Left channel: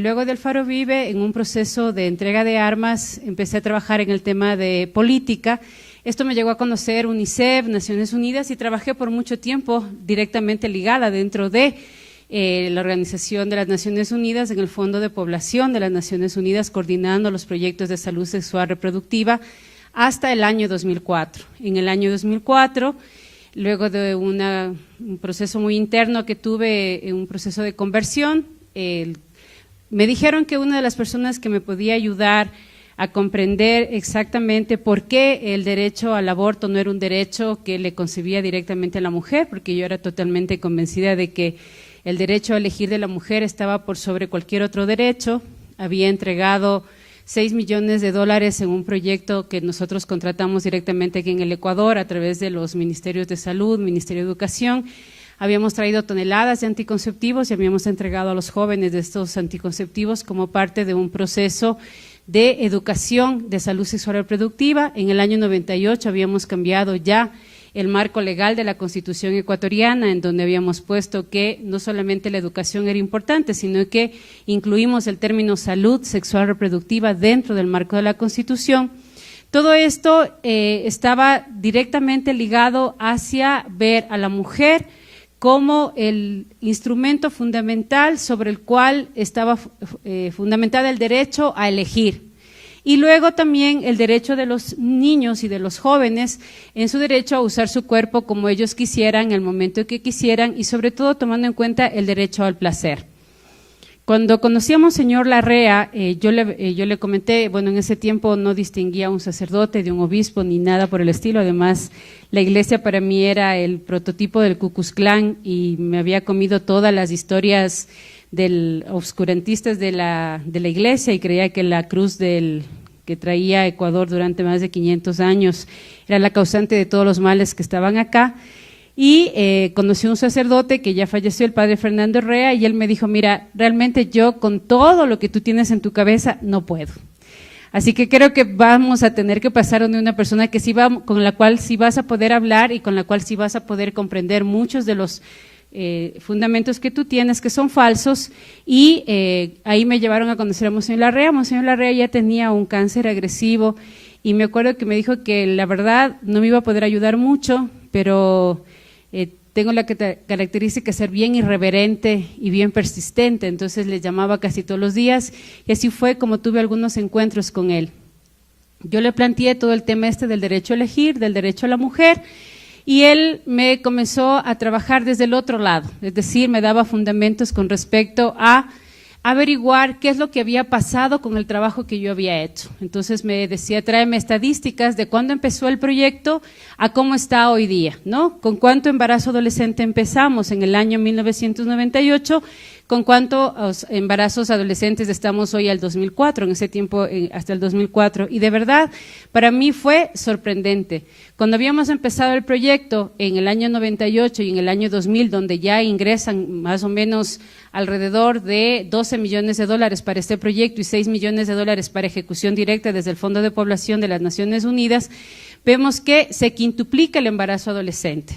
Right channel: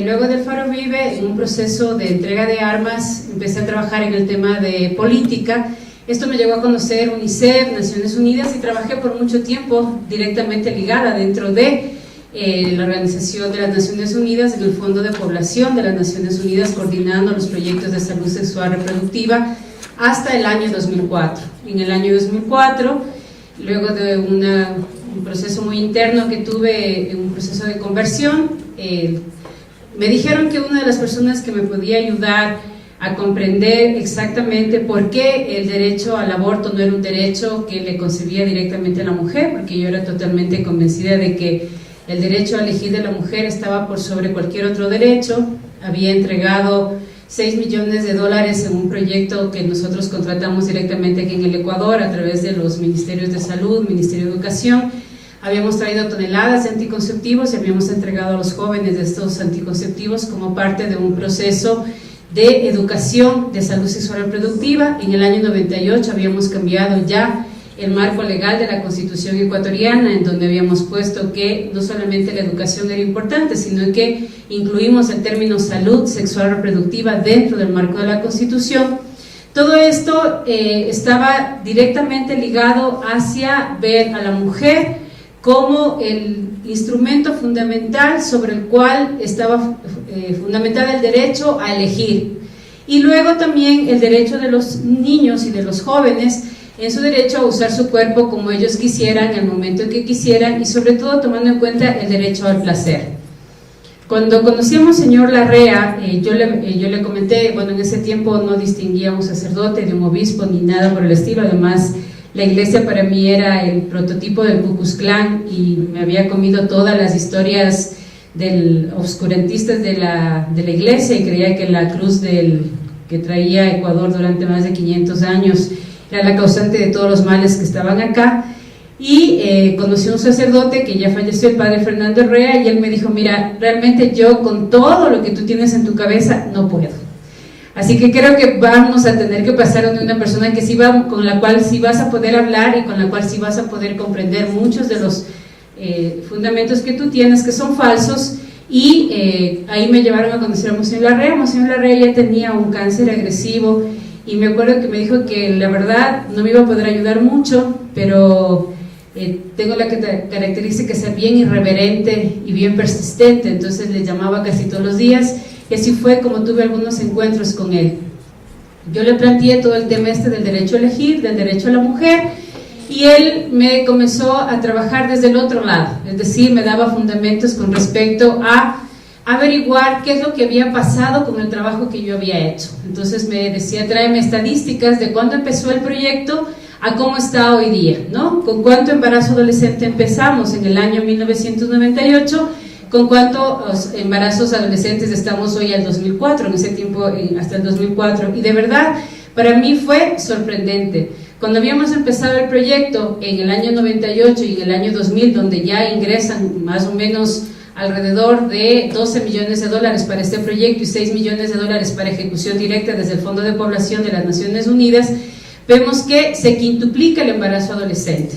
luego del Faro Vive, en un proceso de entrega de armas, empecé a trabajar en el tema de política. Esto me llevó a conocer UNICEF, Naciones Unidas, y trabajé por mucho tiempo directamente ligada dentro de la Organización de las Naciones Unidas, en el Fondo de Población de las Naciones Unidas, coordinando los proyectos de salud sexual reproductiva hasta el año 2004. En el año 2004, luego de un proceso muy interno que tuve, un proceso de conversión, me dijeron que una de las personas que me podía ayudar a comprender exactamente por qué el derecho al aborto no era un derecho que le concebía directamente a la mujer, porque yo era totalmente convencida de que el derecho a elegir de la mujer estaba por sobre cualquier otro derecho. Había entregado $6 millones en un proyecto que nosotros contratamos directamente aquí en el Ecuador a través de los Ministerios de Salud, Ministerio de Educación. Habíamos traído toneladas de anticonceptivos y habíamos entregado a los jóvenes de estos anticonceptivos como parte de un proceso de educación de salud sexual reproductiva. En el año 98 habíamos cambiado ya el marco legal de la Constitución ecuatoriana, en donde habíamos puesto que no solamente la educación era importante, sino que incluimos el término salud sexual reproductiva dentro del marco de la Constitución. Todo esto estaba directamente ligado hacia ver a la mujer como el instrumento fundamental sobre el cual estaba fundamentado el derecho a elegir. Y luego también el derecho de los niños y de los jóvenes en su derecho a usar su cuerpo como ellos quisieran, en el momento que quisieran, y sobre todo tomando en cuenta el derecho al placer. Cuando conocí a Monseñor Larrea, yo le comenté, bueno, en ese tiempo no distinguía a un sacerdote de un obispo ni nada por el estilo. Además, la iglesia para mí era el prototipo del Ku Klux Klan y me había comido todas las historias obscurantistas de la iglesia, y creía que la cruz que traía Ecuador durante más de 500 años era la causante de todos los males que estaban acá. Y conocí a un sacerdote que ya falleció, el padre Fernando Herrera, y él me dijo: mira, realmente yo con todo lo que tú tienes en tu cabeza no puedo. Así que creo que vamos a tener que pasar de una persona que con la cual sí vas a poder hablar y con la cual sí vas a poder comprender muchos de los fundamentos que tú tienes, que son falsos. Y ahí me llevaron a conocer a Monseñor Larrea. Monseñor Larrea ya tenía un cáncer agresivo, y me acuerdo que me dijo que la verdad no me iba a poder ayudar mucho, pero tengo la característica de ser bien irreverente y bien persistente. Entonces le llamaba casi todos los días, y así fue como tuve algunos encuentros con él. Yo le planteé todo el tema del derecho a elegir, del derecho a la mujer, y él me comenzó a trabajar desde el otro lado, es decir, me daba fundamentos con respecto a averiguar qué es lo que había pasado con el trabajo que yo había hecho. Entonces me decía: tráeme estadísticas de cuándo empezó el proyecto a cómo está hoy día, ¿no? Con cuánto embarazo adolescente empezamos en el año 1998, con cuántos embarazos adolescentes estamos hoy al 2004, en ese tiempo hasta el 2004, y de verdad para mí fue sorprendente. Cuando habíamos empezado el proyecto en el año 98 y en el año 2000, donde ya ingresan más o menos alrededor de $12 millones para este proyecto y $6 millones para ejecución directa desde el Fondo de Población de las Naciones Unidas, vemos que se quintuplica el embarazo adolescente.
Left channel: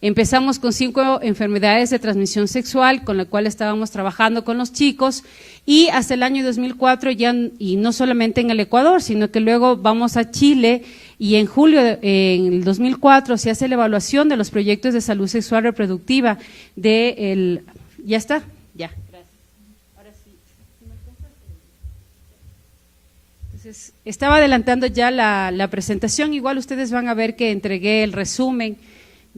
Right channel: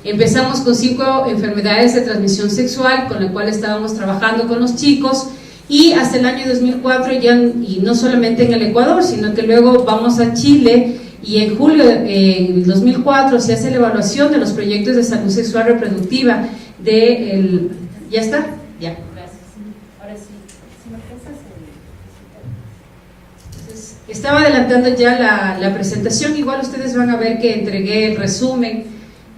Empezamos con 5 enfermedades de transmisión sexual con las cuales estábamos trabajando con los chicos, y hasta el año 2004 ya, y no solamente en el Ecuador, sino que luego vamos a Chile, y en julio del 2004 se hace la evaluación de los proyectos de salud sexual reproductiva ¿ya está? Ya, gracias. Ahora sí, si me pasas Entonces, estaba adelantando ya la presentación. Igual ustedes van a ver que entregué el resumen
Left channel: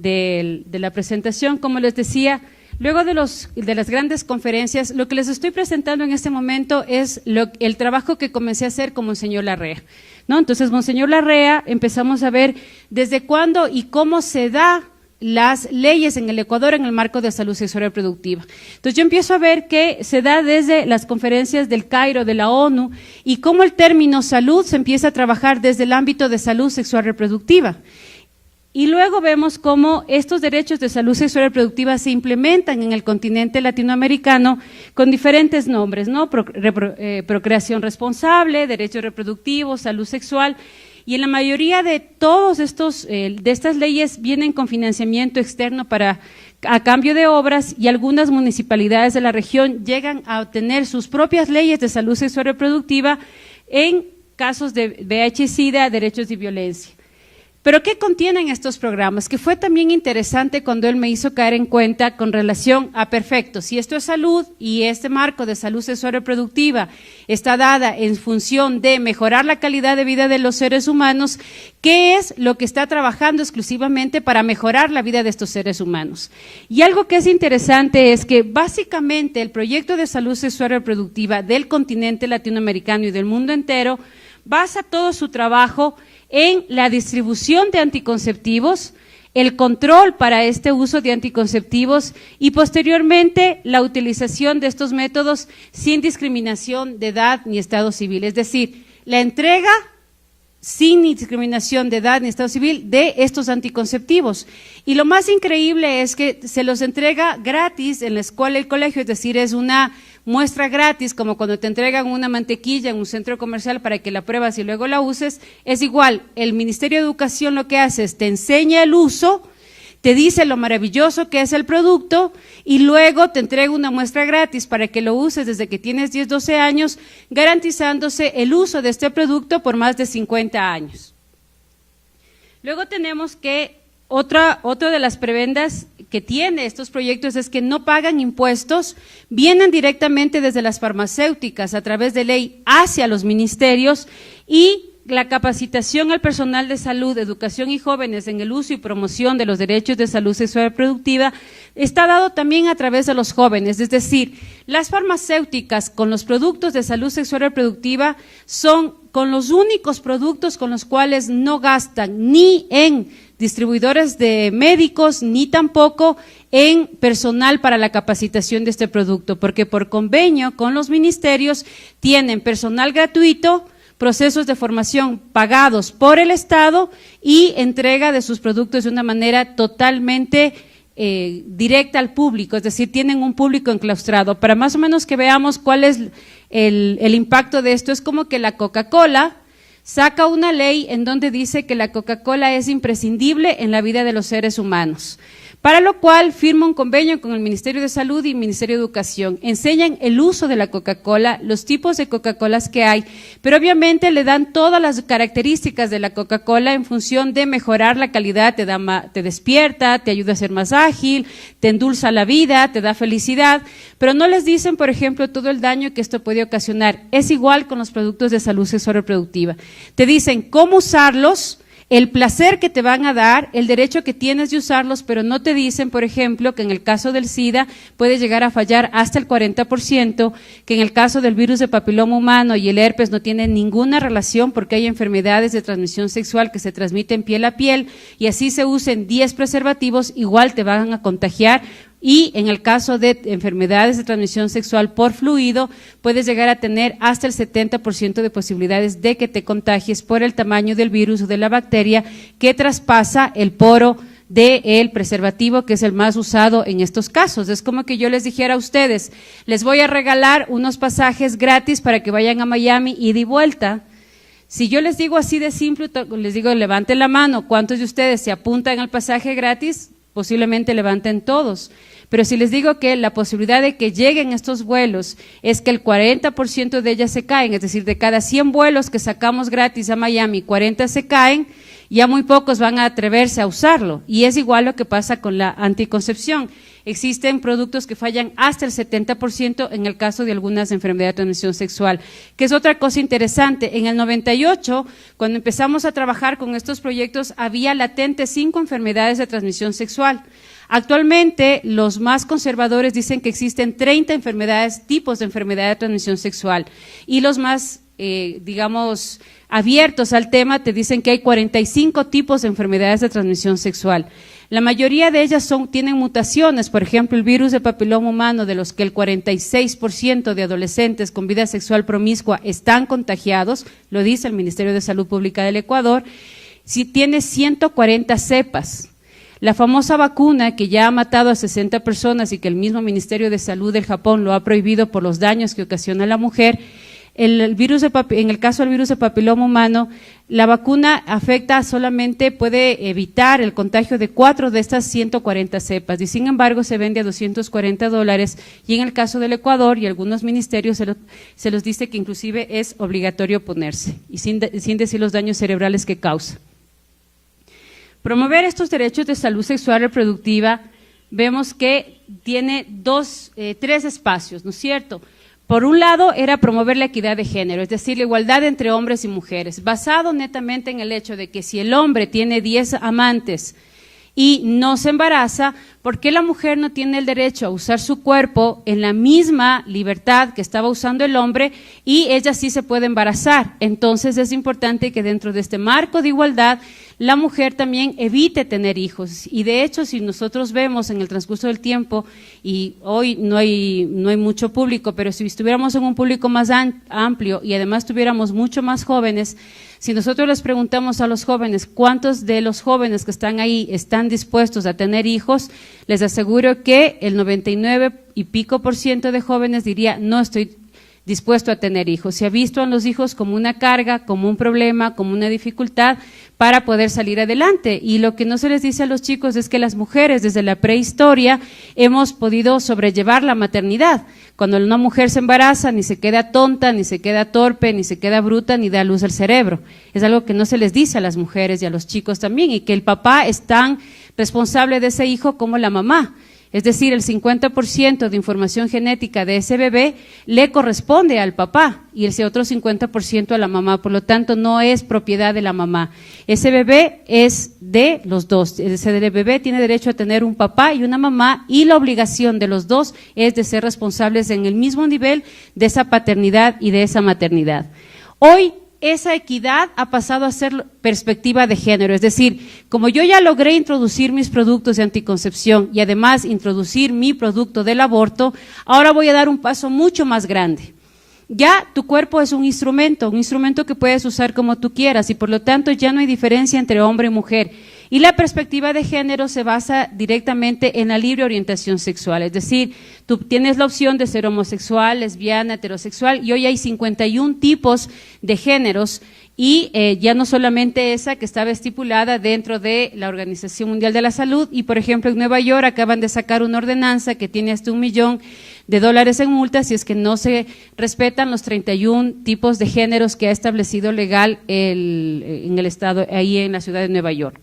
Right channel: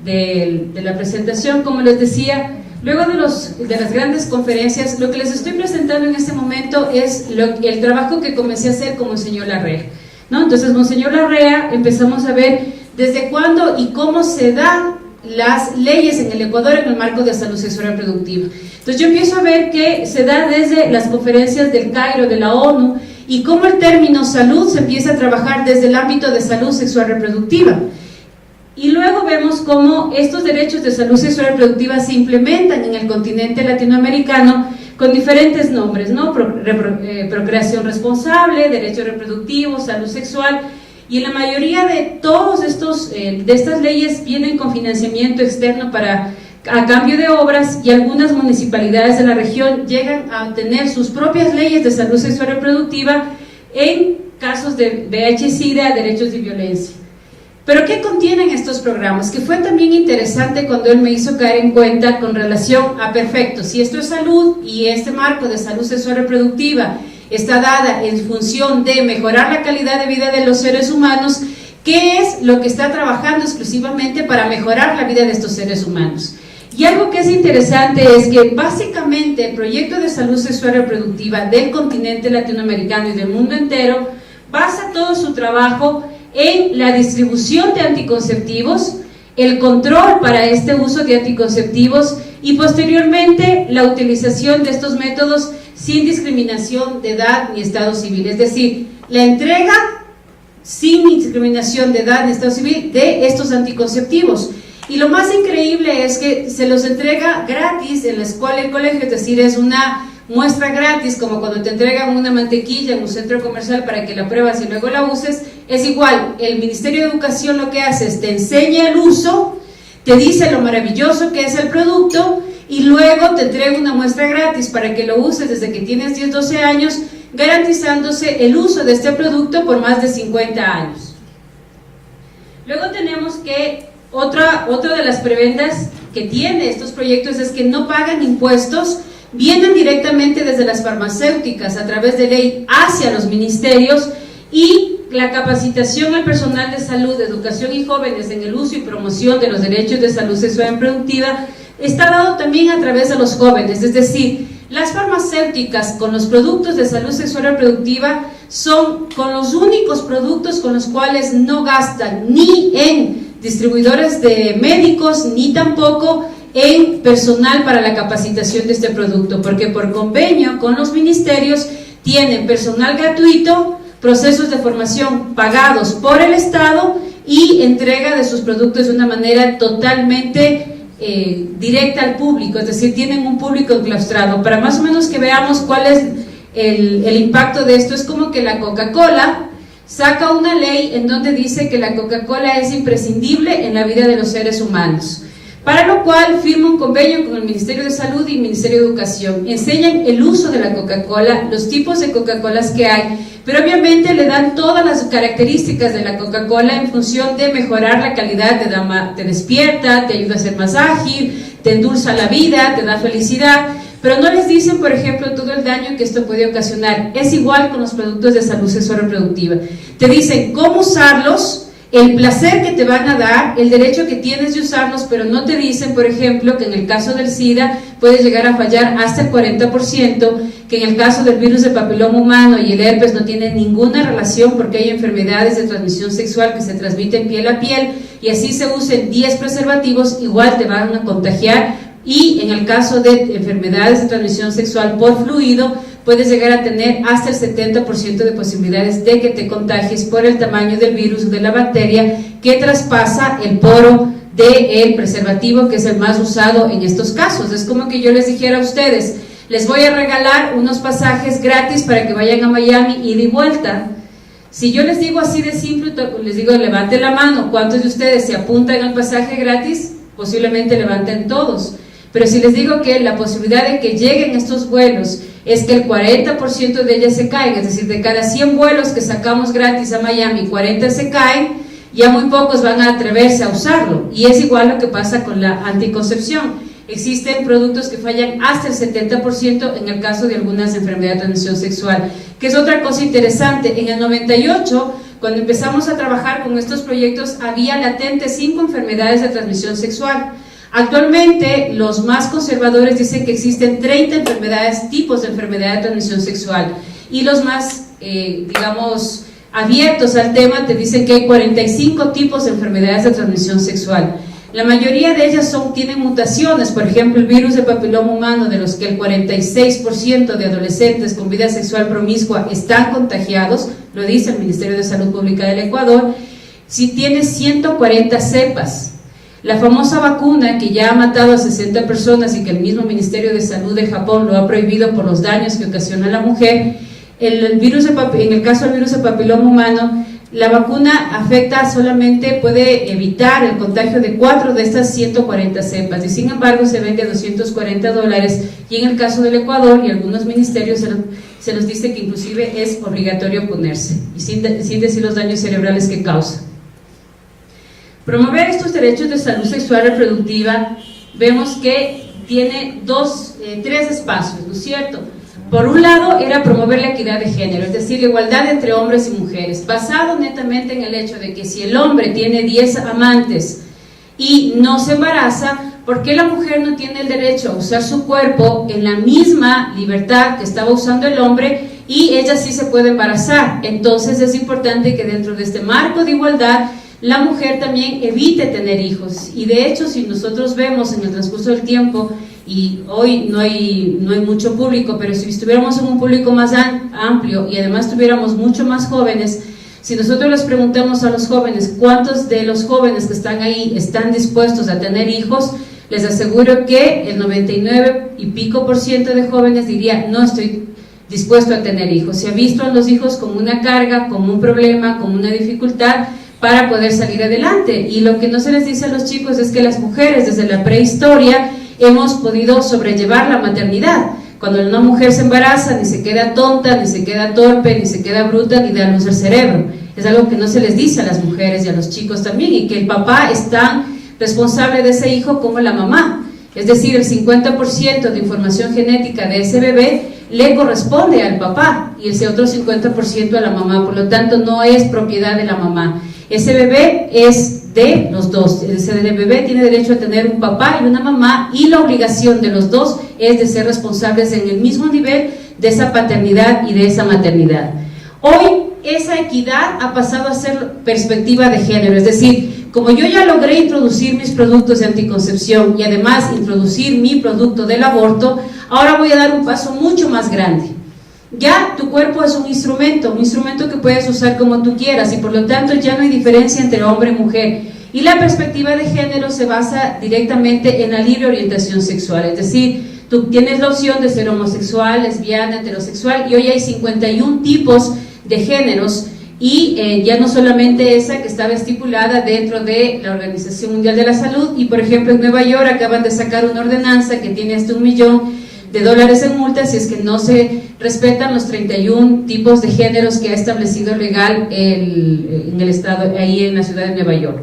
de la presentación. Como les decía, luego de las grandes conferencias, lo que les estoy presentando en este momento es el trabajo que comencé a hacer con Monseñor Larrea, ¿no? Entonces, Monseñor Larrea, empezamos a ver desde cuándo y cómo se dan las leyes en el Ecuador en el marco de salud sexual reproductiva. Entonces yo empiezo a ver que se da desde las conferencias del Cairo, de la ONU, y cómo el término salud se empieza a trabajar desde el ámbito de salud sexual reproductiva. Y luego vemos cómo estos derechos de salud sexual reproductiva se implementan en el continente latinoamericano con diferentes nombres, ¿no? Procreación responsable, derecho reproductivo, salud sexual. Y en la mayoría de todos de estas leyes vienen con financiamiento externo para a cambio de obras, y algunas municipalidades de la región llegan a tener sus propias leyes de salud sexual y reproductiva en casos de VIH-Sida, derechos y violencia. Pero ¿qué contienen estos programas? Que fue también interesante cuando él me hizo caer en cuenta con relación a, perfecto, si esto es salud y este marco de salud sexual y reproductiva está dada en función de mejorar la calidad de vida de los seres humanos, ¿qué es lo que está trabajando exclusivamente para mejorar la vida de estos seres humanos? Y algo que es interesante es que básicamente el proyecto de salud sexual y reproductiva del continente latinoamericano y del mundo entero basa todo su trabajo en la distribución de anticonceptivos, el control para este uso de anticonceptivos y posteriormente la utilización de estos métodos sin discriminación de edad ni estado civil, es decir, la entrega sin discriminación de edad ni estado civil de estos anticonceptivos. Y lo más increíble es que se los entrega gratis en la escuela y el colegio, es decir, es una muestra gratis, como cuando te entregan una mantequilla en un centro comercial para que la pruebas y luego la uses. Es igual, el Ministerio de Educación lo que hace es te enseña el uso, te dice lo maravilloso que es el producto y luego te entrega una muestra gratis para que lo uses desde que tienes 10, 12 años, garantizándose el uso de este producto por más de 50 años. Luego tenemos que otra de las prebendas que tiene estos proyectos es que no pagan impuestos, vienen directamente desde las farmacéuticas a través de ley hacia los ministerios, y la capacitación al personal de salud, educación y jóvenes en el uso y promoción de los derechos de salud sexual y reproductiva está dado también a través de los jóvenes, es decir, las farmacéuticas con los productos de salud sexual y reproductiva son con los únicos productos con los cuales no gastan ni en distribuidores de médicos ni tampoco en personal para la capacitación de este producto, porque por convenio con los ministerios tienen personal gratuito, procesos de formación pagados por el Estado y entrega de sus productos de una manera totalmente directa al público, es decir, tienen un público enclaustrado. Para más o menos que veamos cuál es el impacto de esto, es como que la Coca-Cola saca una ley en donde dice que la Coca-Cola es imprescindible en la vida de los seres humanos, para lo cual firma un convenio con el Ministerio de Salud y el Ministerio de Educación, enseñan el uso de la Coca-Cola, los tipos de Coca-Colas que hay, pero obviamente le dan todas las características de la Coca-Cola en función de mejorar la calidad, te despierta, te ayuda a ser más ágil, te endulza la vida, te da felicidad, pero no les dicen, por ejemplo, todo el daño que esto puede ocasionar. Es igual con los productos de salud sexual y reproductiva. Te dicen cómo usarlos, el placer que te van a dar, el derecho que tienes de usarlos, pero no te dicen, por ejemplo, que en el caso del SIDA puede llegar a fallar hasta el 40%, que en el caso del virus de papiloma humano y el herpes no tienen ninguna relación porque hay enfermedades de transmisión sexual que se transmiten piel a piel, y así se usen 10 preservativos, igual te van a contagiar. Y en el caso de enfermedades de transmisión sexual por fluido, puedes llegar a tener hasta el 70% de posibilidades de que te contagies por el tamaño del virus o de la bacteria que traspasa el poro del preservativo, que es el más usado en estos casos. Es como que yo les dijera a ustedes, les voy a regalar unos pasajes gratis para que vayan a Miami ida y vuelta. Si yo les digo así de simple, les digo levanten la mano, ¿cuántos de ustedes se apuntan al pasaje gratis? Posiblemente levanten todos. Pero si les digo que la posibilidad de que lleguen estos vuelos es que el 40% de ellas se caigan, es decir, de cada 100 vuelos que sacamos gratis a Miami, 40 se caen, ya muy pocos van a atreverse a usarlo. Y es igual lo que pasa con la anticoncepción. Existen productos que fallan hasta el 70% en el caso de algunas enfermedades de transmisión sexual, que es otra cosa interesante. En el 98, cuando empezamos a trabajar con estos proyectos, había latentes 5 enfermedades de transmisión sexual. Actualmente, los más conservadores dicen que existen 30 tipos de enfermedad de transmisión sexual, y los más, digamos, abiertos al tema te dicen que hay 45 tipos de enfermedades de transmisión sexual. La mayoría de ellas tienen mutaciones, por ejemplo, el virus de papiloma humano, de los que el 46% de adolescentes con vida sexual promiscua están contagiados, lo dice el Ministerio de Salud Pública del Ecuador, si tiene 140 cepas. La famosa vacuna que ya ha matado a 60 personas y que el mismo Ministerio de Salud de Japón lo ha prohibido por los daños que ocasiona a la mujer, en el caso del virus de papiloma humano, La vacuna afecta solamente, puede evitar el contagio de 4 de estas 140 cepas y sin embargo se vende a $240 y en el caso del Ecuador y algunos ministerios se nos dice que inclusive es obligatorio ponerse y sin decir los daños cerebrales que causa. Promover estos derechos de salud sexual reproductiva vemos que tiene tres espacios, ¿no es cierto? Por un lado era promover la equidad de género, es decir, la igualdad entre hombres y mujeres, basado netamente en el hecho de que si el hombre tiene 10 amantes y no se embaraza, ¿por qué la mujer no tiene el derecho a usar su cuerpo en la misma libertad que estaba usando el hombre y ella sí se puede embarazar? Entonces es importante que dentro de este marco de igualdad la mujer también evite tener hijos y de hecho si nosotros vemos en el transcurso del tiempo y hoy no hay mucho público, pero si estuviéramos en un público más amplio y además tuviéramos mucho más jóvenes, si nosotros les preguntamos a los jóvenes cuántos de los jóvenes que están ahí están dispuestos a tener hijos, les aseguro que el 99 y pico % de jóvenes diría no estoy dispuesto a tener hijos. Se ha visto a los hijos como una carga, como un problema, como una dificultad para poder salir adelante y lo que no se les dice a los chicos es que las mujeres desde la prehistoria hemos podido sobrellevar la maternidad. Cuando una mujer se embaraza, ni se queda tonta, ni se queda torpe, ni se queda bruta, ni da luz al cerebro. Es algo que no se les dice a las mujeres y a los chicos también, y que el papá es tan responsable de ese hijo como la mamá. Es decir, el 50% de información genética de ese bebé le corresponde al papá y ese otro 50% a la mamá, por lo tanto no es propiedad de la mamá. Ese bebé es de los dos, ese bebé tiene derecho a tener un papá y una mamá y la obligación de los dos es de ser responsables en el mismo nivel de esa paternidad y de esa maternidad. Hoy esa equidad ha pasado a ser perspectiva de género, es decir, como yo ya logré introducir mis productos de anticoncepción y además introducir mi producto del aborto, ahora voy a dar un paso mucho más grande. Ya tu cuerpo es un instrumento que puedes usar como tú quieras y por lo tanto ya no hay diferencia entre hombre y mujer. Y la perspectiva de género se basa directamente en la libre orientación sexual, es decir, tú tienes la opción de ser homosexual, lesbiana, heterosexual y hoy hay 51 tipos de géneros y ya no solamente esa que estaba estipulada dentro de la Organización Mundial de la Salud y por ejemplo en Nueva York acaban de sacar una ordenanza que tiene hasta $1 millón en multas si es que no se respetan los 31 tipos de géneros que ha establecido legal en el estado, ahí en la ciudad de Nueva York.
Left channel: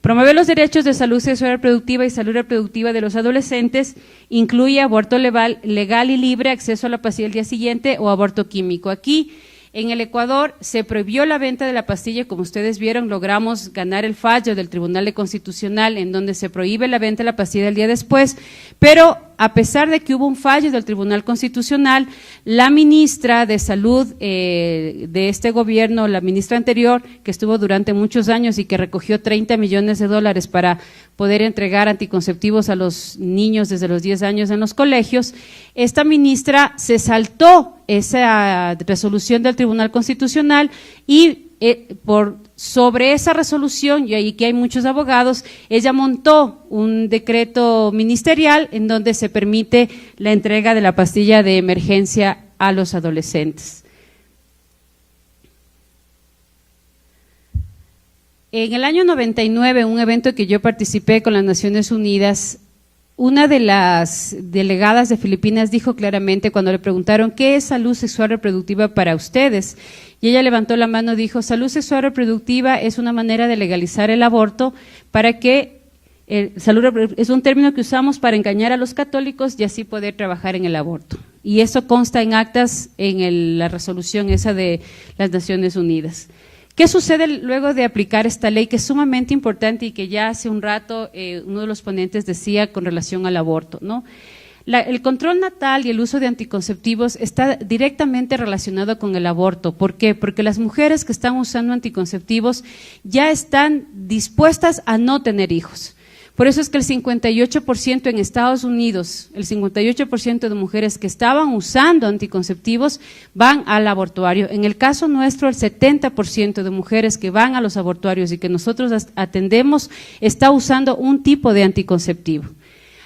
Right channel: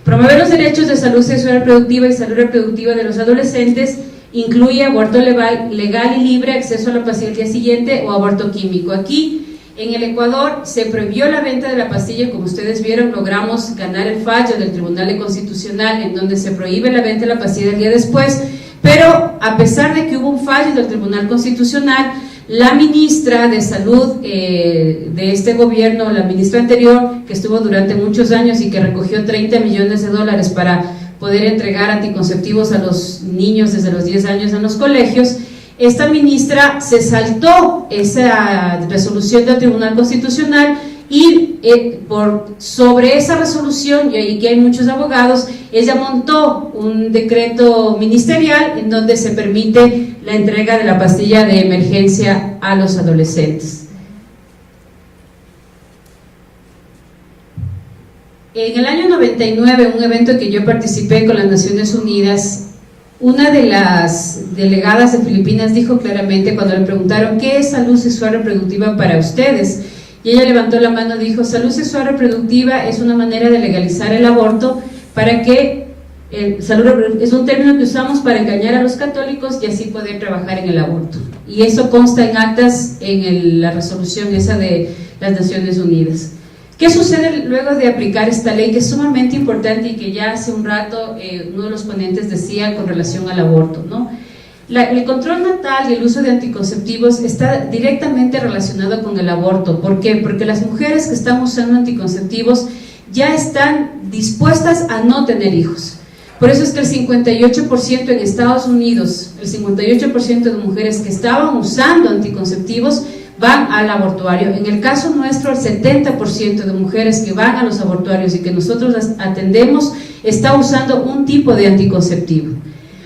Promover los derechos de salud sexual reproductiva y salud reproductiva de los adolescentes incluye aborto legal y libre, acceso a la pastilla al día siguiente o aborto químico. Aquí en el Ecuador se prohibió la venta de la pastilla, como ustedes vieron, logramos ganar el fallo del Tribunal Constitucional en donde se prohíbe la venta de la pastilla el día después, pero a pesar de que hubo un fallo del Tribunal Constitucional, la ministra de Salud de este gobierno, la ministra anterior, que estuvo durante muchos años y que recogió $30 millones para poder entregar anticonceptivos a los niños desde los 10 años en los colegios, esta ministra se saltó esa resolución del Tribunal Constitucional y sobre esa resolución, y ahí que hay muchos abogados, ella montó un decreto ministerial en donde se permite la entrega de la pastilla de emergencia a los adolescentes. En el año 99, un evento que yo participé con las Naciones Unidas, una de las delegadas de Filipinas dijo claramente cuando le preguntaron ¿qué es salud sexual reproductiva para ustedes? Y ella levantó la mano y dijo, salud sexual reproductiva es una manera de legalizar el aborto para que, es un término que usamos para engañar a los católicos y así poder trabajar en el aborto. Y eso consta en actas en la resolución esa de las Naciones Unidas. ¿Qué sucede luego de aplicar esta ley que es sumamente importante y que ya hace un rato uno de los ponentes decía con relación al aborto, ¿no? El control natal y el uso de anticonceptivos está directamente relacionado con el aborto. ¿Por qué? Porque las mujeres que están usando anticonceptivos ya están dispuestas a no tener hijos. Por eso es que el 58% en Estados Unidos, el 58% de mujeres que estaban usando anticonceptivos van al abortuario. En el caso nuestro, el 70% de mujeres que van a los abortuarios y que nosotros las atendemos está usando un tipo de anticonceptivo.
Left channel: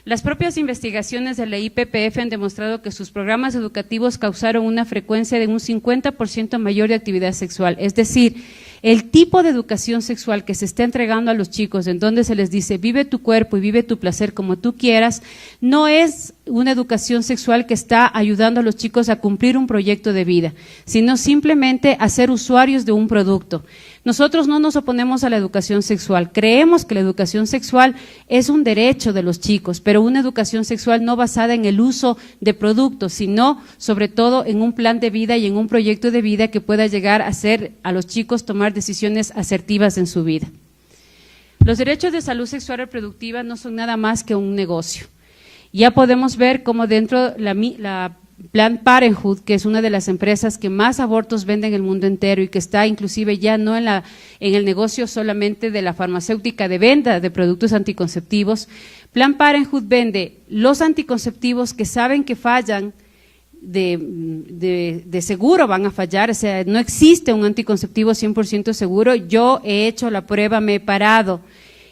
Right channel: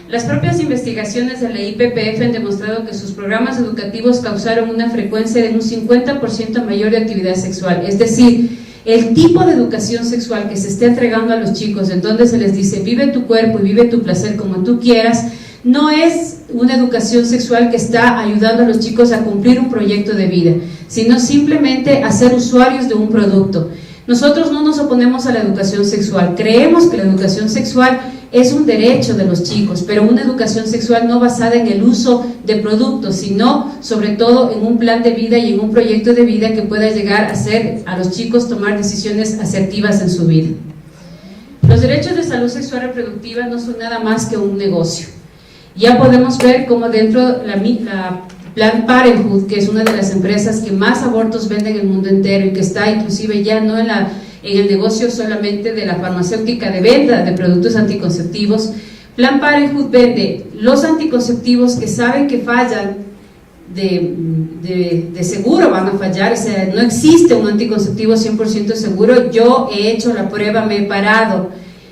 Las propias investigaciones de la IPPF han demostrado que sus programas educativos causaron una frecuencia de un 50% mayor de actividad sexual, es decir, El tipo de educación sexual que se está entregando a los chicos, en donde se les dice vive tu cuerpo y vive tu placer como tú quieras, no es una educación sexual que está ayudando a los chicos a cumplir un proyecto de vida, sino simplemente a ser usuarios de un producto. Nosotros no nos oponemos a la educación sexual, creemos que la educación sexual es un derecho de los chicos, pero una educación sexual no basada en el uso de productos, sino sobre todo en un plan de vida y en un proyecto de vida que pueda llegar a hacer a los chicos tomar decisiones asertivas en su vida. Los derechos de salud sexual reproductiva no son nada más que un negocio. Ya podemos ver cómo dentro la Planned Parenthood, que es una de las empresas que más abortos vende en el mundo entero y que está inclusive ya no en el negocio solamente de la farmacéutica de venta de productos anticonceptivos, Planned Parenthood vende los anticonceptivos que saben que fallan, de seguro van a fallar, o sea, no existe un anticonceptivo 100% seguro. Yo he hecho la prueba, me he parado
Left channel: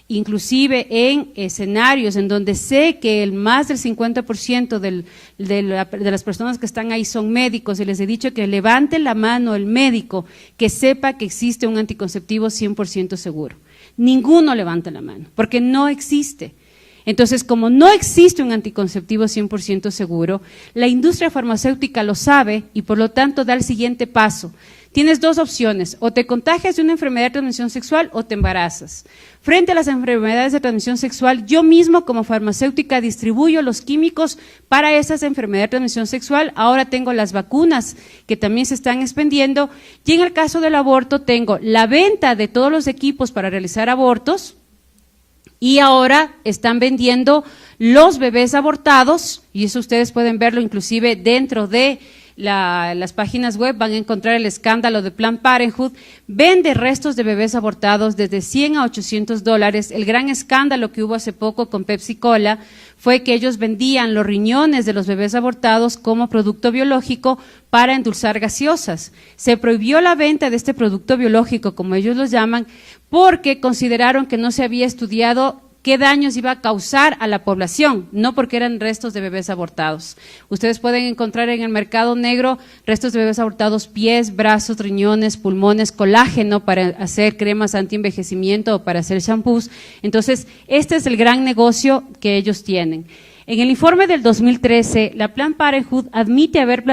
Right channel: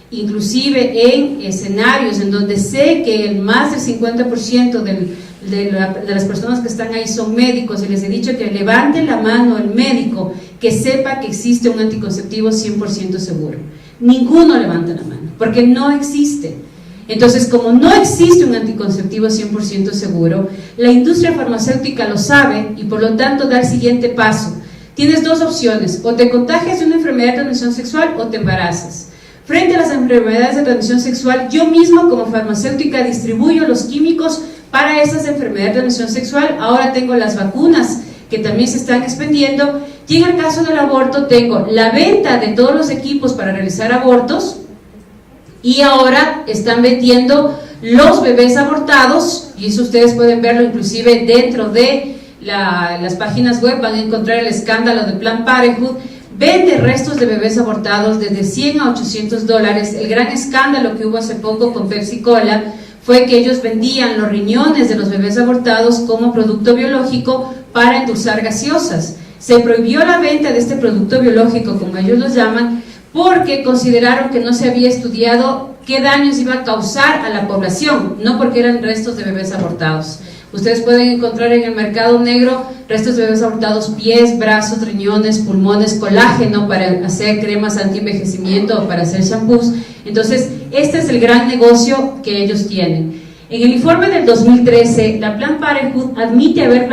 inclusive en escenarios en donde sé que el más del 50% de las personas que están ahí son médicos, y les he dicho que levante la mano el médico que sepa que existe un anticonceptivo 100% seguro. Ninguno levanta la mano, porque no existe. Entonces, como no existe un anticonceptivo 100% seguro, la industria farmacéutica lo sabe y por lo tanto da el siguiente paso. Tienes dos opciones: o te contagias de una enfermedad de transmisión sexual o te embarazas. Frente a las enfermedades de transmisión sexual, yo mismo como farmacéutica distribuyo los químicos para esas enfermedades de transmisión sexual. Ahora tengo las vacunas que también se están expendiendo, y en el caso del aborto tengo la venta de todos los equipos para realizar abortos, y ahora están vendiendo los bebés abortados, y eso ustedes pueden verlo inclusive dentro de las páginas web, van a encontrar el escándalo de Planned Parenthood. Vende restos de bebés abortados desde $100 a $800. El gran escándalo que hubo hace poco con Pepsi Cola fue que ellos vendían los riñones de los bebés abortados como producto biológico para endulzar gaseosas. Se prohibió la venta de este producto biológico, como ellos lo llaman, porque consideraron que no se había estudiado qué daños iba a causar a la población, no porque eran restos de bebés abortados. Ustedes pueden encontrar en el mercado negro restos de bebés abortados, pies, brazos, riñones, pulmones, colágeno para hacer cremas anti-envejecimiento o para hacer shampoos. Entonces, este es el gran negocio que ellos tienen. En el informe del 2013, la Planned Parenthood admite haber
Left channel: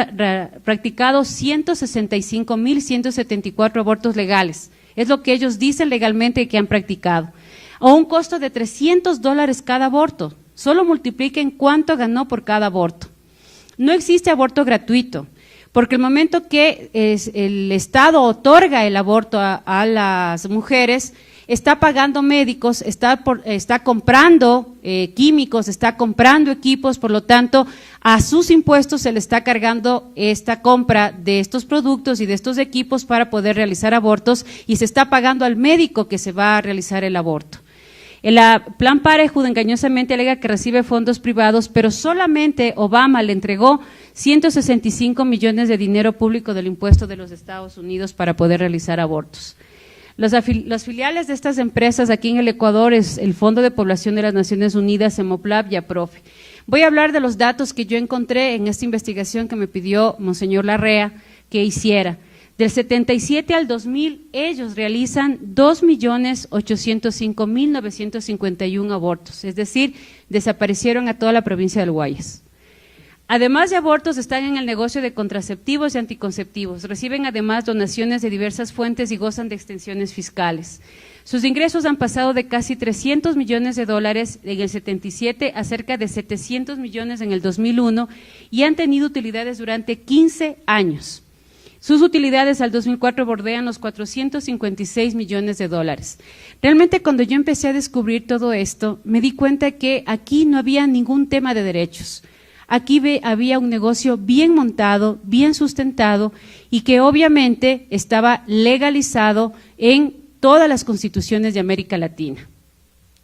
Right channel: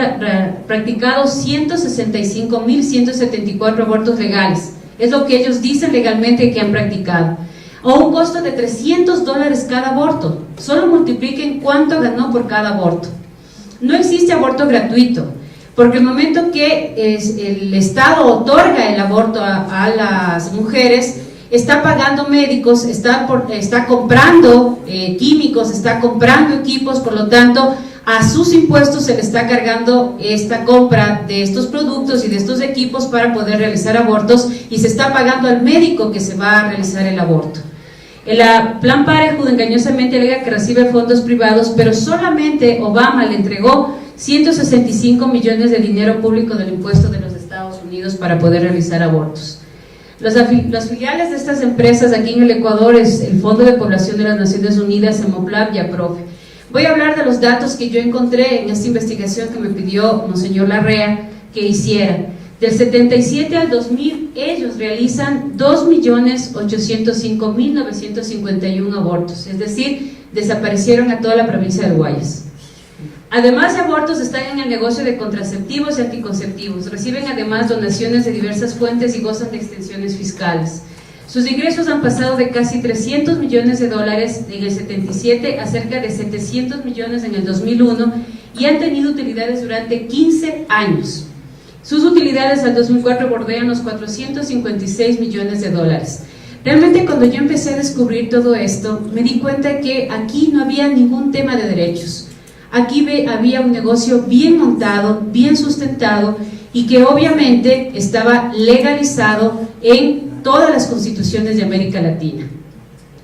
practicado 165.174 abortos legales. Es lo que ellos dicen legalmente que han practicado. A un costo de $300 cada aborto. Solo multipliquen cuánto ganó por cada aborto. No existe aborto gratuito, porque el momento que el Estado otorga el aborto a las mujeres, está pagando médicos, está comprando químicos, está comprando equipos, por lo tanto a sus impuestos se le está cargando esta compra de estos productos y de estos equipos para poder realizar abortos, y se está pagando al médico que se va a realizar el aborto. La Planned Parenthood engañosamente alega que recibe fondos privados, pero solamente Obama le entregó 165 millones de dinero público del impuesto de los Estados Unidos para poder realizar abortos. Los filiales de estas empresas aquí en el Ecuador es el Fondo de Población de las Naciones Unidas, Hemoplab y APROFE. Voy a hablar de los datos que yo encontré en esta investigación que me pidió Monseñor Larrea que hiciera. Del 77 al 2000, ellos realizan 2.805.951 abortos, es decir, desaparecieron a toda la provincia del Guayas. Además de abortos, están en el negocio de contraceptivos y anticonceptivos, reciben además donaciones de diversas fuentes y gozan de extensiones fiscales. Sus ingresos han pasado de casi $300 millones en el 77 a cerca de 700 millones en el 2001, y han tenido utilidades durante 15 años. Sus utilidades al 2004 bordean los $456 millones. Realmente, cuando yo empecé a descubrir todo esto, me di cuenta que aquí no había ningún tema de derechos. Aquí había un negocio bien montado, bien sustentado, y que obviamente estaba legalizado en todas las constituciones de América Latina.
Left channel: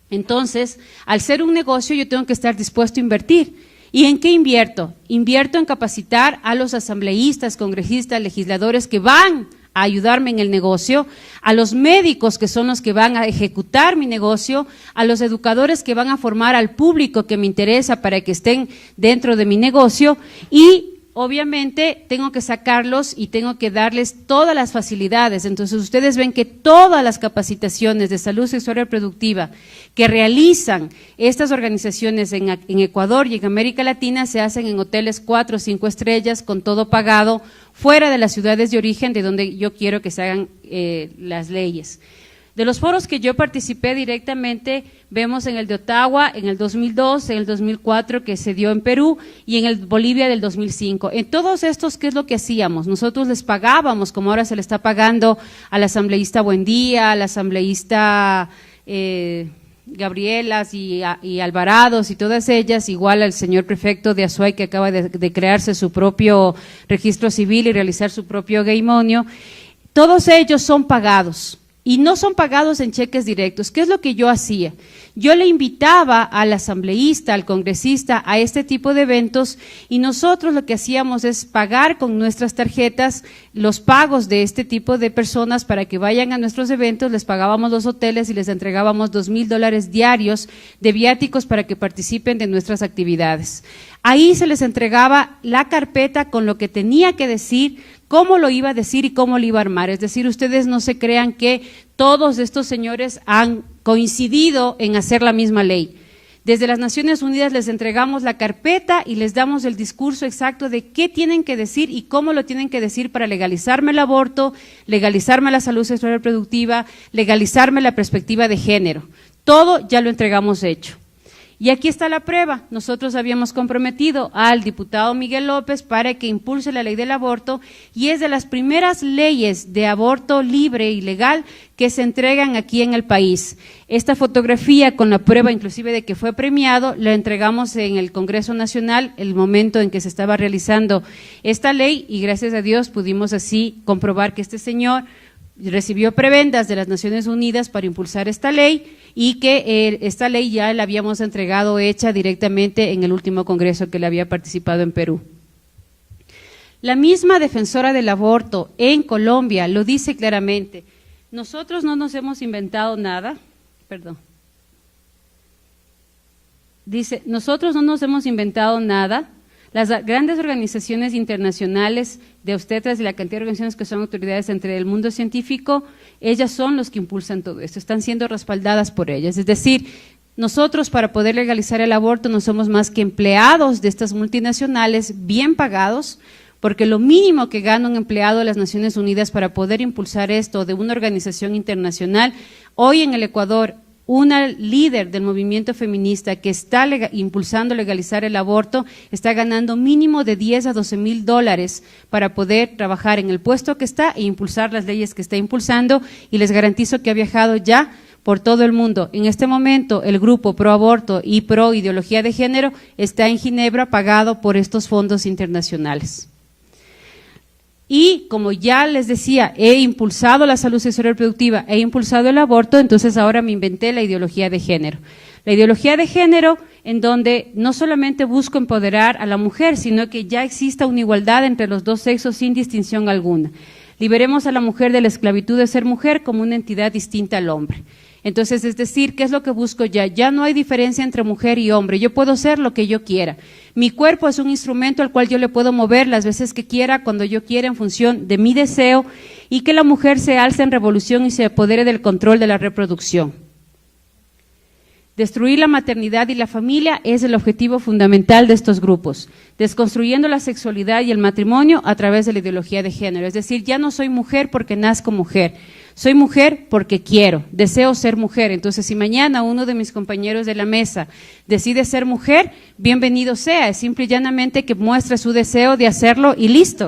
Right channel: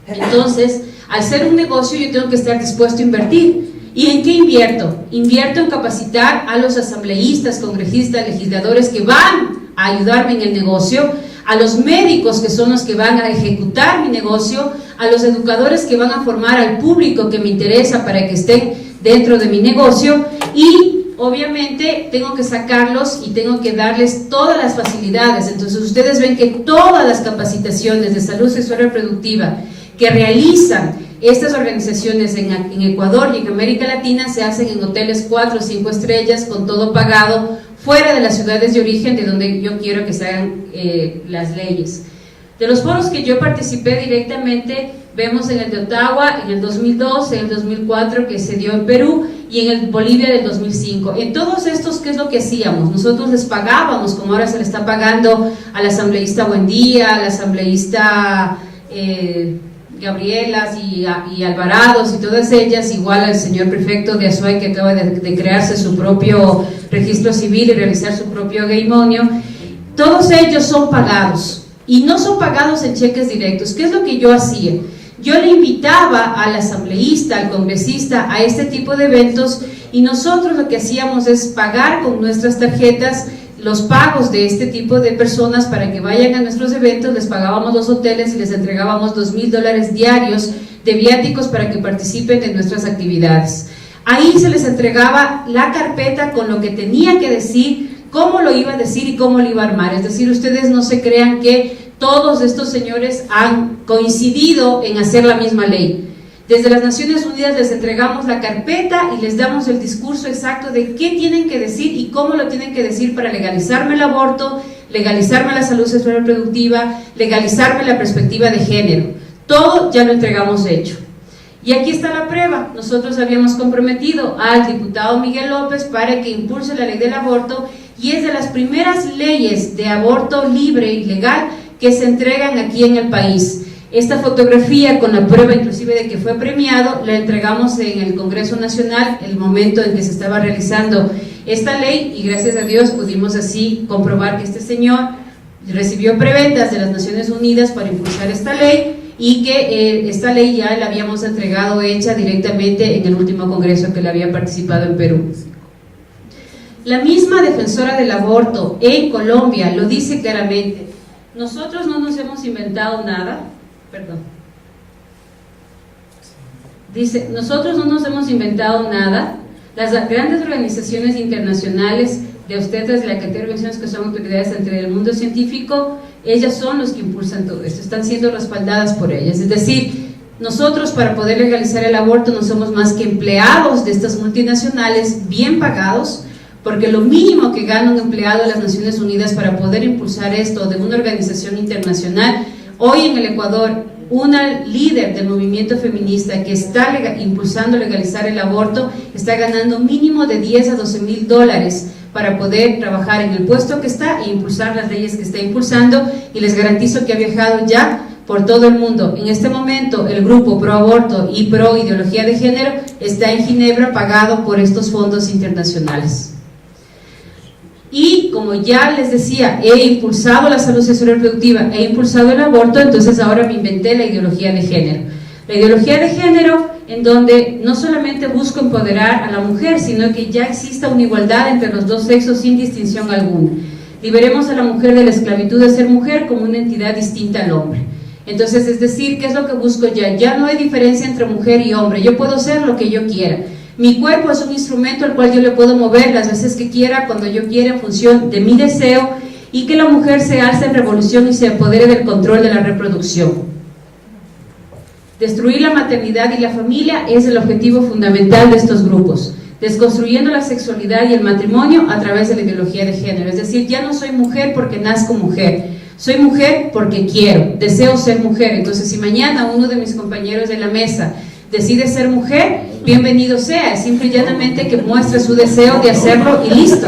Entonces, al ser un negocio, yo tengo que estar dispuesto a invertir. ¿Y en qué invierto? Invierto en capacitar a los asambleístas, congresistas, legisladores que van a ayudarme en el negocio, a los médicos que son los que van a ejecutar mi negocio, a los educadores que van a formar al público que me interesa para que estén dentro de mi negocio, y obviamente tengo que sacarlos y tengo que darles todas las facilidades. Entonces ustedes ven que todas las capacitaciones de salud sexual y reproductiva que realizan estas organizaciones en Ecuador y en América Latina se hacen en hoteles 4 o 5 estrellas con todo pagado, fuera de las ciudades de origen de donde yo quiero que se hagan las leyes. De los foros que yo participé directamente, vemos en el de Ottawa en el 2002, en el 2004 que se dio en Perú y en el Bolivia del 2005. En todos estos, ¿qué es lo que hacíamos? Nosotros les pagábamos, como ahora se le está pagando al asambleísta Buendía, al asambleísta Gabrielas y Alvarados y todas ellas, igual al señor prefecto de Azuay que acaba de crearse su propio registro civil y realizar su propio gaymonio. Todos ellos son pagados y no son pagados en cheques directos. ¿Qué es lo que yo hacía? Yo le invitaba al asambleísta, al congresista a este tipo de eventos y nosotros lo que hacíamos es pagar con nuestras tarjetas los pagos de este tipo de personas para que vayan a nuestros eventos. Les pagábamos los hoteles y les entregábamos $2,000 diarios de viáticos para que participen de nuestras actividades. Ahí se les entregaba la carpeta con lo que tenía que decir, cómo lo iba a decir y cómo lo iba a armar. Es decir, ustedes no se crean que todos estos señores han coincidido en hacer la misma ley. Desde las Naciones Unidas les entregamos la carpeta y les damos el discurso exacto de qué tienen que decir y cómo lo tienen que decir para legalizarme el aborto, legalizarme la salud sexual y reproductiva, legalizarme la perspectiva de género. Todo ya lo entregamos hecho. Y aquí está la prueba. Nosotros habíamos comprometido al diputado Miguel López para que impulse la ley del aborto y es de las primeras leyes de aborto libre y legal que se entregan aquí en el país. Esta fotografía con la prueba inclusive de que fue premiado, la entregamos en el Congreso Nacional el momento en que se estaba realizando esta ley y gracias a Dios pudimos así comprobar que este señor recibió prebendas de las Naciones Unidas para impulsar esta ley y que esta ley ya la habíamos entregado hecha directamente en el último congreso que le había participado en Perú. La misma defensora del aborto en Colombia lo dice claramente. Nosotros no nos hemos inventado nada. Dice, nosotros no nos hemos inventado nada. Las grandes organizaciones internacionales de obstetras, la cantidad de organizaciones que son autoridades entre el mundo científico, ellas son los que impulsan todo esto, están siendo respaldadas por ellas. Es decir, nosotros para poder legalizar el aborto no somos más que empleados de estas multinacionales bien pagados, porque lo mínimo que gana un empleado de las Naciones Unidas para poder impulsar esto de una organización internacional. Hoy en el Ecuador, una líder del movimiento feminista que está impulsando legalizar el aborto está ganando mínimo de $10,000 a $12,000 para poder trabajar en el puesto que está e impulsar las leyes que está impulsando, y les garantizo que ha viajado ya por todo el mundo. En este momento el grupo pro aborto y pro ideología de género está en Ginebra pagado por estos fondos internacionales. Y como ya les decía, he impulsado la salud sexual y reproductiva, he impulsado el aborto, entonces ahora me inventé la ideología de género. La ideología de género en donde no solamente busco empoderar a la mujer, sino que ya exista una igualdad entre los dos sexos sin distinción alguna. Liberemos a la mujer de la esclavitud de ser mujer como una entidad distinta al hombre. Entonces, es decir, ¿qué es lo que busco ya? Ya no hay diferencia entre mujer y hombre, yo puedo ser lo que yo quiera. Mi cuerpo es un instrumento al cual yo le puedo mover las veces que quiera, cuando yo quiera, en función de mi deseo, y que la mujer se alce en revolución y se apodere del control de la reproducción. Destruir la maternidad y la familia es el objetivo fundamental de estos grupos, desconstruyendo la sexualidad y el matrimonio a través de la ideología de género. Es decir, ya no soy mujer porque nazco mujer, soy mujer porque quiero, deseo ser mujer. Entonces, si mañana uno de mis compañeros de la mesa decide ser mujer, bienvenido sea, es simple y llanamente que muestre su deseo de hacerlo y listo.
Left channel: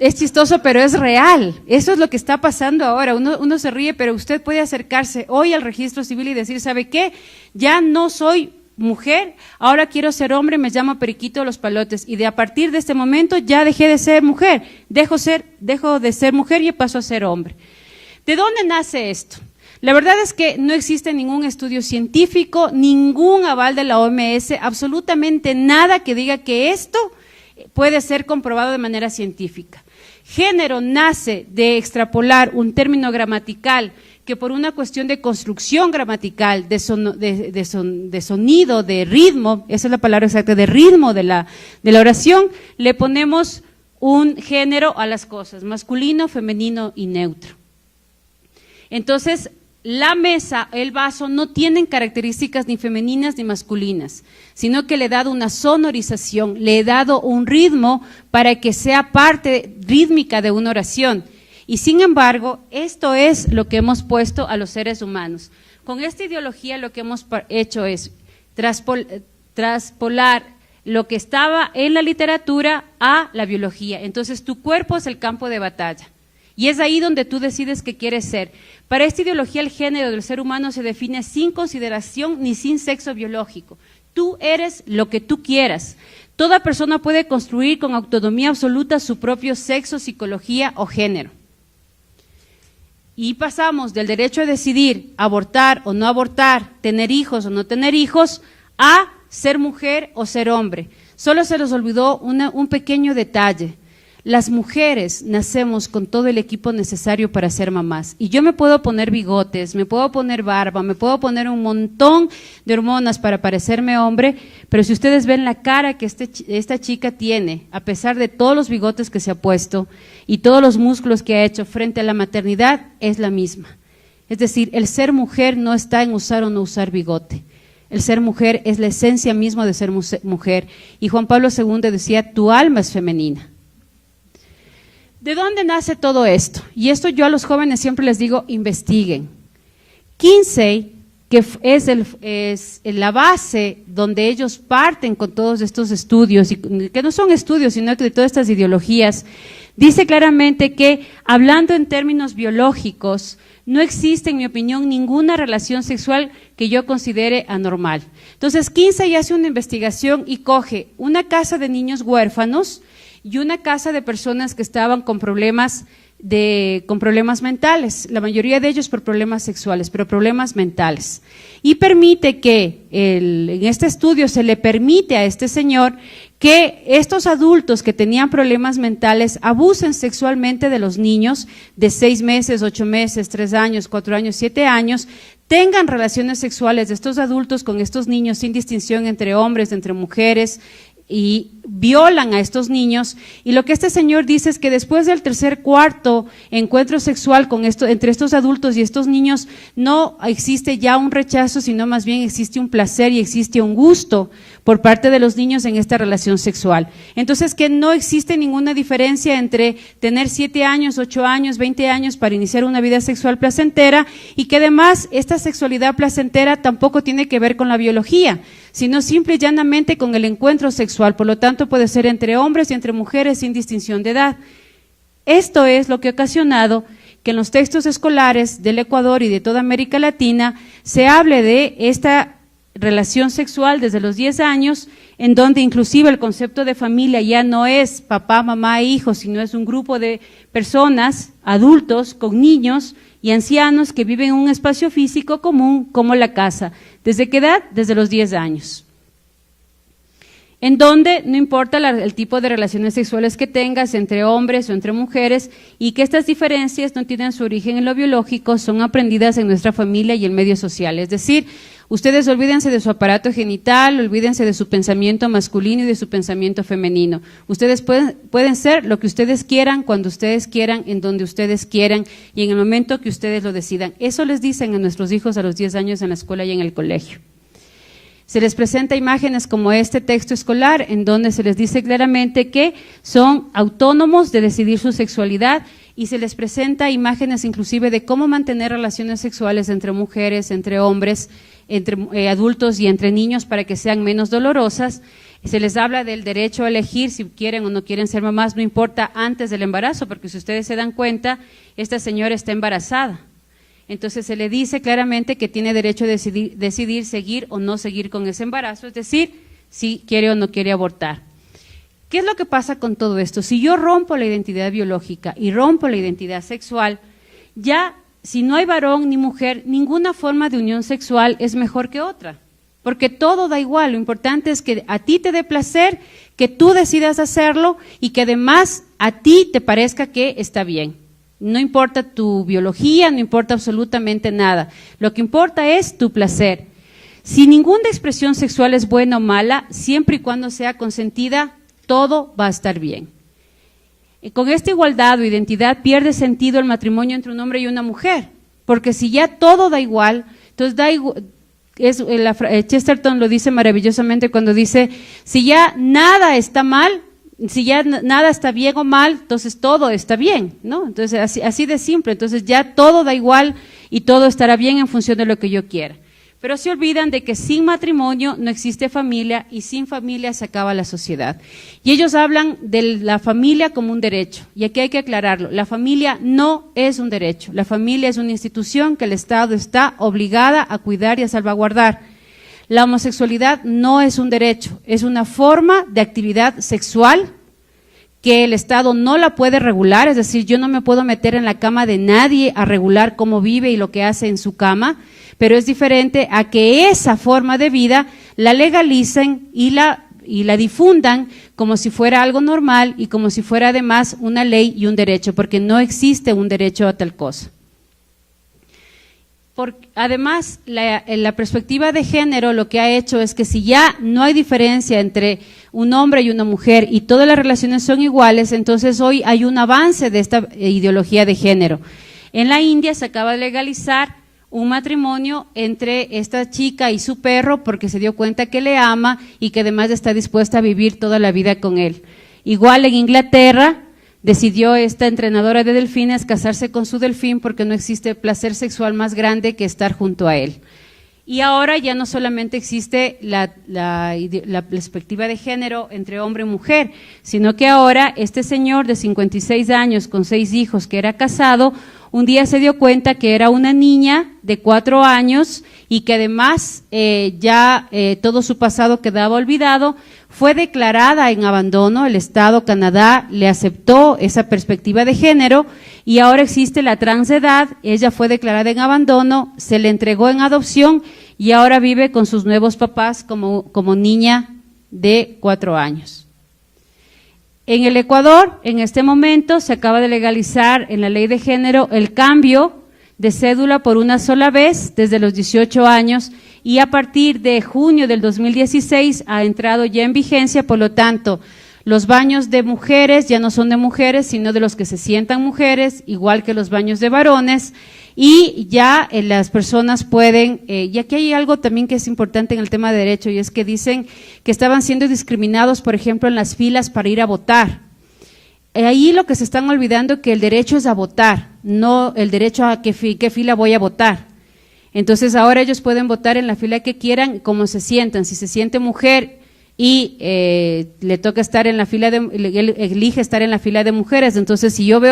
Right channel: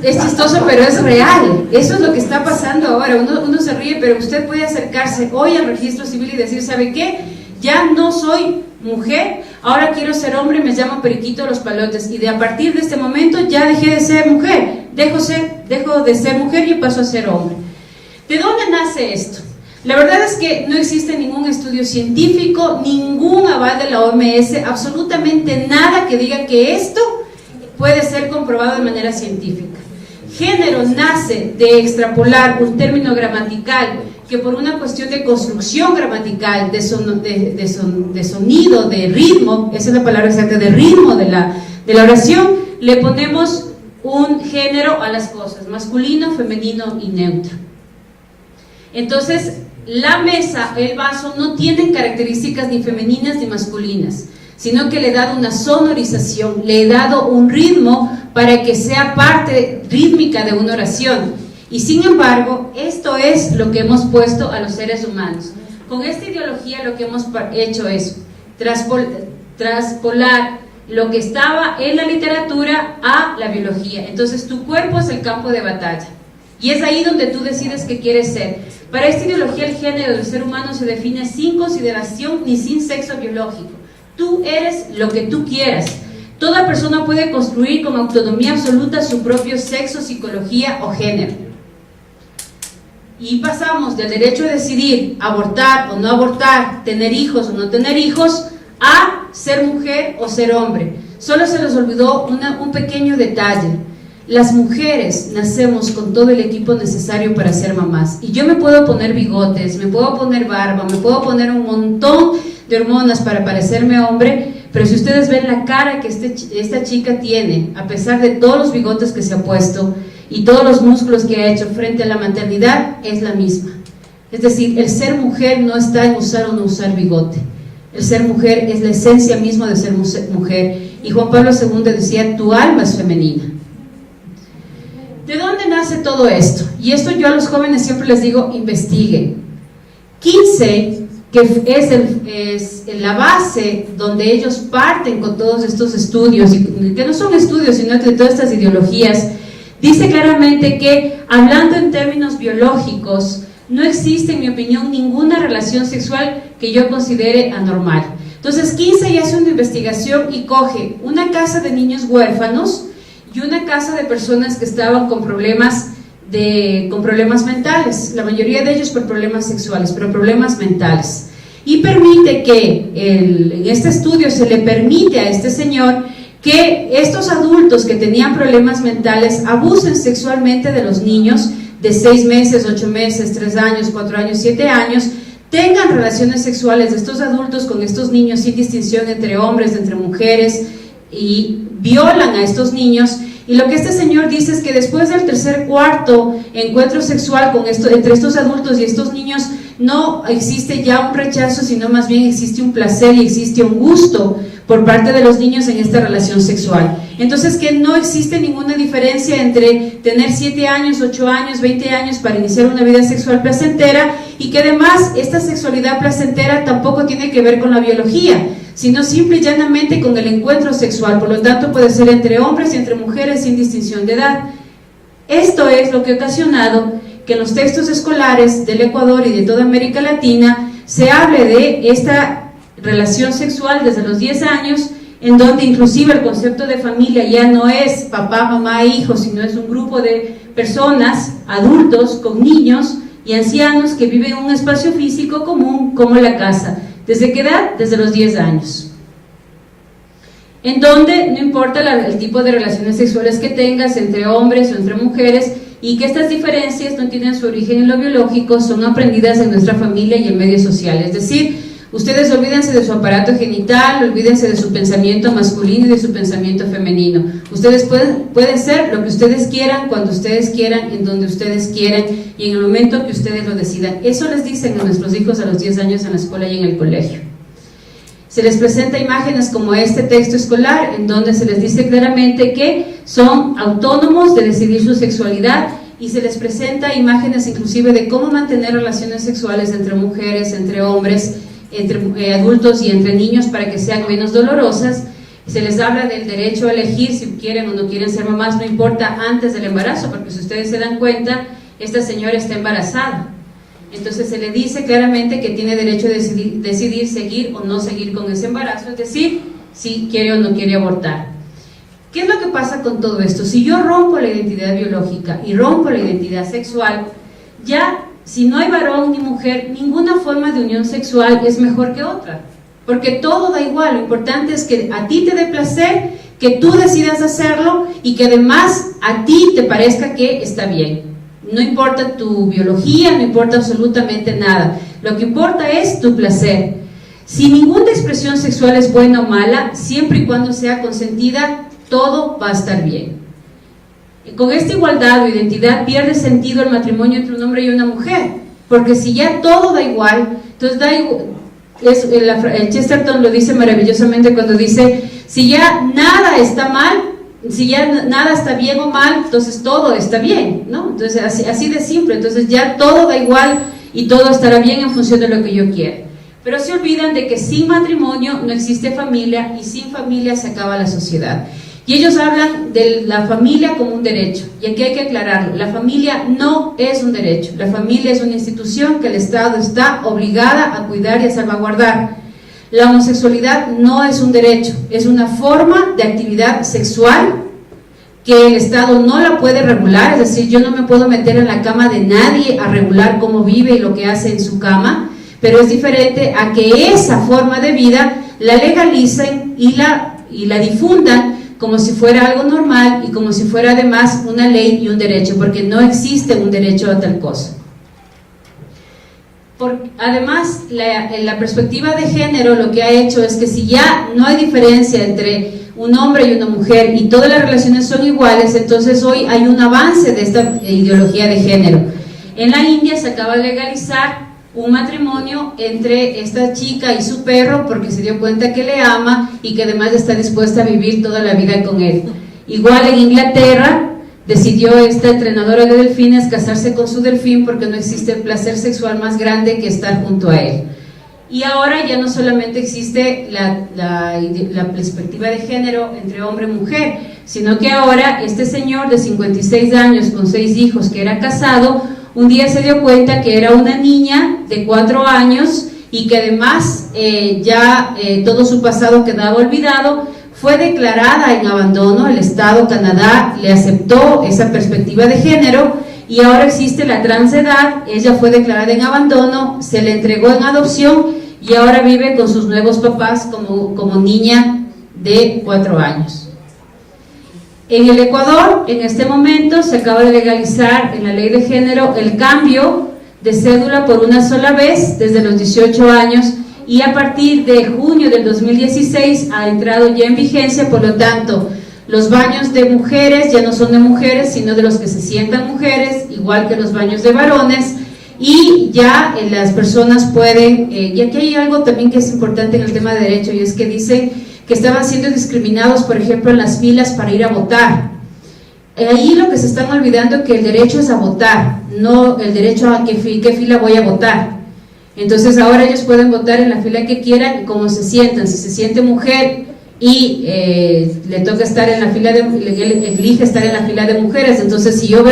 Es chistoso, pero es real. Eso es lo que está pasando ahora. Uno se ríe, pero usted puede acercarse hoy al registro civil y decir, ¿sabe qué? Ya no soy mujer, ahora quiero ser hombre, me llamo Periquito Los Palotes, y a partir de este momento ya dejé de ser mujer, dejo de ser mujer y paso a ser hombre. ¿De dónde nace esto? La verdad es que no existe ningún estudio científico, ningún aval de la OMS, absolutamente nada que diga que esto puede ser comprobado de manera científica. Género nace de extrapolar un término gramatical que por una cuestión de construcción gramatical, de sonido, de ritmo, esa es la palabra exacta, de ritmo de la oración, le ponemos un género a las cosas, masculino, femenino y neutro. Entonces, la mesa, el vaso, no tienen características ni femeninas ni masculinas, sino que le he dado una sonorización, le he dado un ritmo para que sea parte rítmica de una oración. Y sin embargo, esto es lo que hemos puesto a los seres humanos. Con esta ideología lo que hemos hecho es traspolar lo que estaba en la literatura a la biología. Entonces tu cuerpo es el campo de batalla y es ahí donde tú decides qué quieres ser. Para esta ideología el género del ser humano se define sin consideración ni sin sexo biológico. Tú eres lo que tú quieras. Toda persona puede construir con autonomía absoluta su propio sexo, psicología o género. Y pasamos del derecho a decidir abortar o no abortar, tener hijos o no tener hijos, a ser mujer o ser hombre. Solo se nos olvidó un pequeño detalle. Las mujeres nacemos con todo el equipo necesario para ser mamás. Y yo me puedo poner bigotes, me puedo poner barba, me puedo poner un montón de hormonas para parecerme hombre, pero si ustedes ven la cara que esta chica tiene, a pesar de todos los bigotes que se ha puesto y todos los músculos que ha hecho frente a la maternidad, es la misma. Es decir, el ser mujer no está en usar o no usar bigote. El ser mujer es la esencia misma de ser mujer. Y Juan Pablo II decía, tu alma es femenina. ¿De dónde nace todo esto? Y esto yo a los jóvenes siempre les digo, investiguen. Kinsey, que es la base donde ellos parten con todos estos estudios, y que no son estudios, sino de todas estas ideologías, dice claramente que, hablando en términos biológicos, no existe, en mi opinión, ninguna relación sexual que yo considere anormal. Entonces, Kinsey hace una investigación y coge una casa de niños huérfanos y una casa de personas que estaban con problemas mentales, la mayoría de ellos por problemas sexuales, pero problemas mentales. Y permite que, en este estudio se le permite a este señor que estos adultos que tenían problemas mentales abusen sexualmente de los niños de 6 meses, 8 meses, 3 años, 4 años, 7 años, tengan relaciones sexuales de estos adultos con estos niños sin distinción entre hombres, entre mujeres, y violan a estos niños. Y lo que este señor dice es que después del tercer, cuarto encuentro sexual entre estos adultos y estos niños, no existe ya un rechazo, sino más bien existe un placer y existe un gusto por parte de los niños en esta relación sexual. Entonces, que no existe ninguna diferencia entre tener 7 años, 8 años, 20 años para iniciar una vida sexual placentera, y que además esta sexualidad placentera tampoco tiene que ver con la biología, sino simple y llanamente con el encuentro sexual. Por lo tanto, puede ser entre hombres y entre mujeres sin distinción de edad. Esto es lo que ha ocasionado que en los textos escolares del Ecuador y de toda América Latina se hable de esta relación sexual desde los 10 años, en donde inclusive el concepto de familia ya no es papá, mamá e hijos, sino es un grupo de personas, adultos, con niños y ancianos que viven en un espacio físico común como la casa. ¿Desde qué edad? Desde los 10 años. En donde no importa el tipo de relaciones sexuales que tengas entre hombres o entre mujeres, y que estas diferencias no tienen su origen en lo biológico, son aprendidas en nuestra familia y el medio social. Es decir, ustedes olvídense de su aparato genital, olvídense de su pensamiento masculino y de su pensamiento femenino. Ustedes pueden ser lo que ustedes quieran, cuando ustedes quieran, en donde ustedes quieran y en el momento que ustedes lo decidan. Eso les dicen a nuestros hijos a los 10 años en la escuela y en el colegio. Se les presenta imágenes como este texto escolar, en donde se les dice claramente que son autónomos de decidir su sexualidad, y se les presenta imágenes inclusive de cómo mantener relaciones sexuales entre mujeres, entre hombres, entre adultos y entre niños para que sean menos dolorosas. Se les habla del derecho a elegir si quieren o no quieren ser mamás, no importa antes del embarazo, porque si ustedes se dan cuenta, esta señora está embarazada. Entonces se le dice claramente que tiene derecho a decidir seguir o no seguir con ese embarazo, es decir, si quiere o no quiere abortar. ¿Qué es lo que pasa con todo esto? Si yo rompo la identidad biológica y rompo la identidad sexual, ya si no hay varón ni mujer, ninguna forma de unión sexual es mejor que otra, porque todo da igual. Lo importante es que a ti te dé placer, que tú decidas hacerlo y que además a ti te parezca que está bien. No importa tu biología, no importa absolutamente nada. Lo que importa es tu placer. Si ninguna expresión sexual es buena o mala, siempre y cuando sea consentida, todo va a estar bien. Y con esta igualdad o identidad pierde sentido el matrimonio entre un hombre y una mujer, porque si ya todo da igual, entonces da igual. Chesterton lo dice maravillosamente cuando dice, si ya nada está mal, si ya nada está bien o mal, entonces todo está bien, ¿no? Entonces así de simple, entonces ya todo da igual y todo estará bien en función de lo que yo quiera. Pero se olvidan de que sin matrimonio no existe familia y sin familia se acaba la sociedad. Y ellos hablan de la familia como un derecho, y aquí hay que aclararlo, la familia no es un derecho, la familia es una institución que el Estado está obligada a cuidar y a salvaguardar. La homosexualidad no es un derecho, es una forma de actividad sexual que el Estado no la puede regular, es decir, yo no me puedo meter en la cama de nadie a regular cómo vive y lo que hace en su cama, pero es diferente a que esa forma de vida la legalicen y la difundan como si fuera algo normal y como si fuera además una ley y un derecho, porque no existe un derecho a tal cosa. Además, la perspectiva de género lo que ha hecho es que si ya no hay diferencia entre un hombre y una mujer y todas las relaciones son iguales, entonces hoy hay un avance de esta ideología de género. En la India se acaba de legalizar un matrimonio entre esta chica y su perro porque se dio cuenta que le ama y que además está dispuesta a vivir toda la vida con él. Igual en Inglaterra decidió esta entrenadora de delfines casarse con su delfín porque no existe placer sexual más grande que estar junto a él. Y ahora ya no solamente existe la perspectiva de género entre hombre y mujer, sino que ahora este señor de 56 años con 6 hijos que era casado, un día se dio cuenta que era una niña de 4 años y que además todo su pasado quedaba olvidado, fue declarada en abandono, el Estado Canadá le aceptó esa perspectiva de género y ahora existe la transedad, ella fue declarada en abandono, se le entregó en adopción y ahora vive con sus nuevos papás como niña de 4 años. En el Ecuador, en este momento, se acaba de legalizar en la ley de género el cambio de cédula por una sola vez desde los 18 años y a partir de junio del 2016 ha entrado ya en vigencia, por lo tanto, los baños de mujeres ya no son de mujeres, sino de los que se sientan mujeres, igual que los baños de varones, y ya las personas pueden, y aquí hay algo también que es importante en el tema de derecho, y es que dicen que estaban siendo discriminados, por ejemplo, en las filas para ir a votar. Ahí lo que se están olvidando es que el derecho es a votar, no el derecho a qué fila voy a votar. Entonces ahora ellos pueden votar en la fila que quieran, como se sientan. Si se siente mujer y le toca estar en la fila elige estar en la fila de mujeres, entonces si yo veo